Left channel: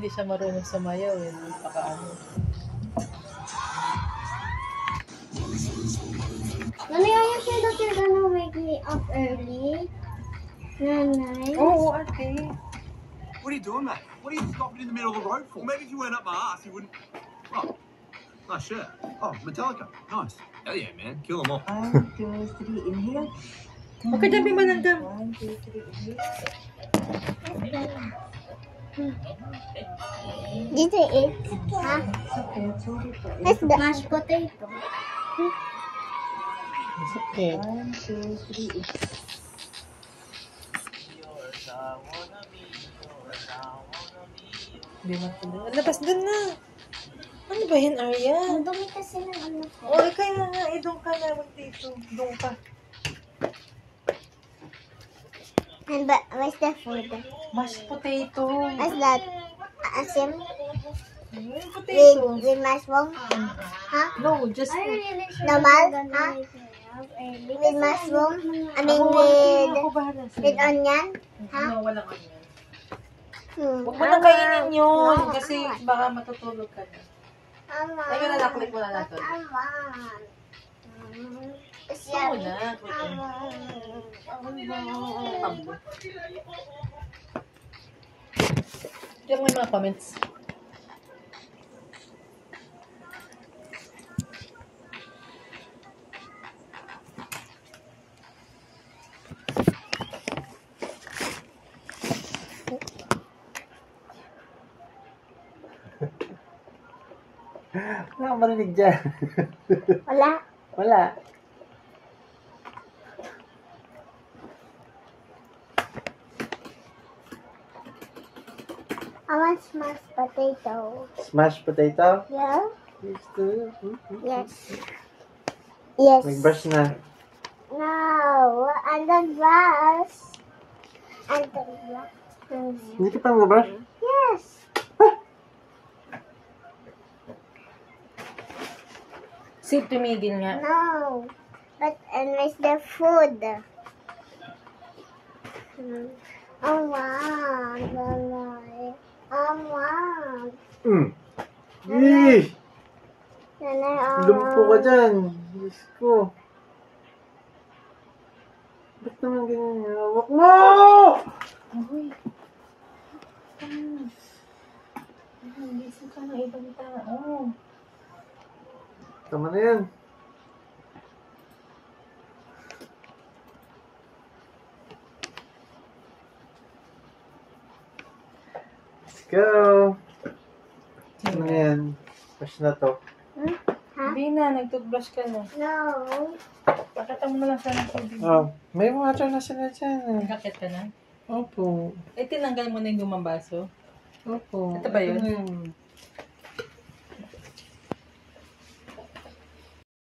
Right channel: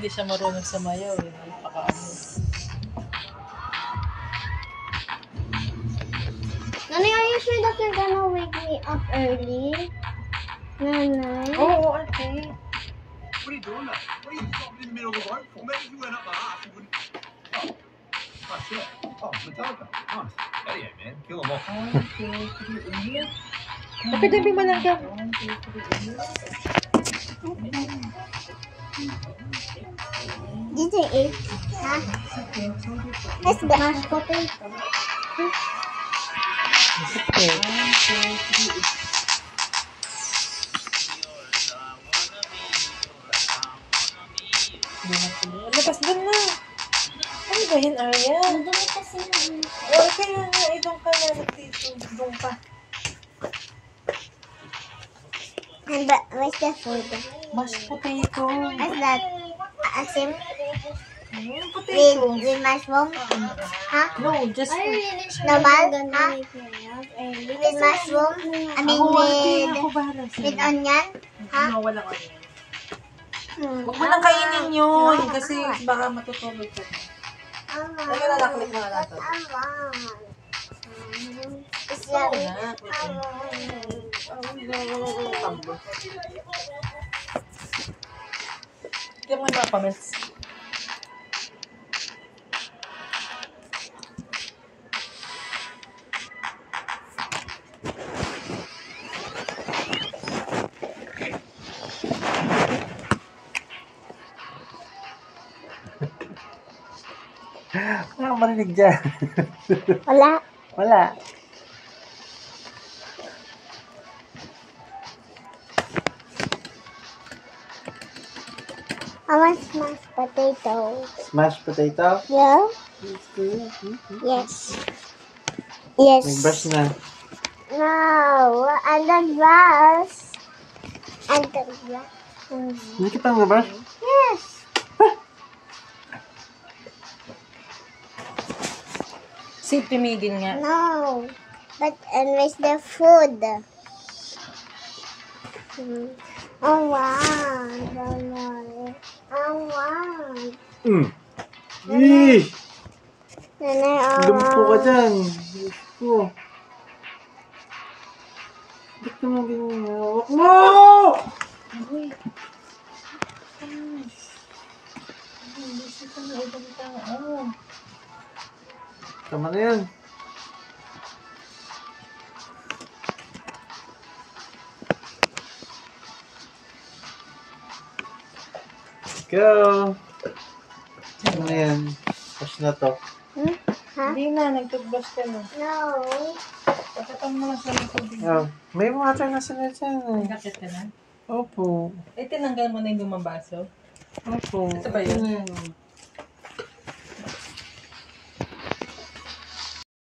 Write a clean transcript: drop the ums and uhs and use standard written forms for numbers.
Hindi siya marunong sumayaw. Yun, napakaano. Nanay, are you sure that you're gonna wake me up early? Nanay? Oo, ate. What are you doing, mate? What are you stopping in the middle of the road for? Maybe if you went up my ass, you wouldn't. Oh, nice shirt. Oh, Metallica. Nice. Hell yeah, man. Kill them all. 1, 2, 3, inhale. Okay, dami malangga. 1, 2, 3, inhale. Did you eat? Huh? What's that? Mashed potato. Okay. 1, 2, 3. Hindi na tuloy. Labas dun na. Ano ba yun, Arya? Ang dumi kasi na ano. Oo, kaya nga. Doon ka na. Dito. Doon ka. And but what's the food? Mashed potato. What's that? Asim? Yung potato. With mushroom? Huh? No, just... Normal? Huh? With mushroom? I mean Ako bahala with sa'yo. onion? Huh? No, walang onion. Hmm. Huwag mo nang kainin yun. Kasi baka matutulog ka na. Ano na naklik mo na natin? Gusto mo na. Tablo. Tignan mo yung mga comments. Wala akong marinig dyan. Wala. Wala. I want mashed potato. Smashed potato? Yeah? It's good. Yes. Yes. Nag-brush na. No, and then brush. And then brush. Hindi ka pa nag-brush? Yes. Si tumigil nga. No. But and where's the food? Oh wow. Oh wow. Yee! Nanay, Lumpo ka dyan. Diyos ko. Ba't naman ganyan yung hawak mo? Uy. Busy ka na. Ibang tao. Tama na yan. Go! Ano na yan? Brush na to. Hindi na. Nag-toothbrush ka na. No. Pagkatang mo lang siya ng tubig. Oh, may water na sila dyan eh. Nagkakit ka na? Opo. Eh, tinanggal mo na yung lumang baso. Opo. Ito ba yun? Ito na yan.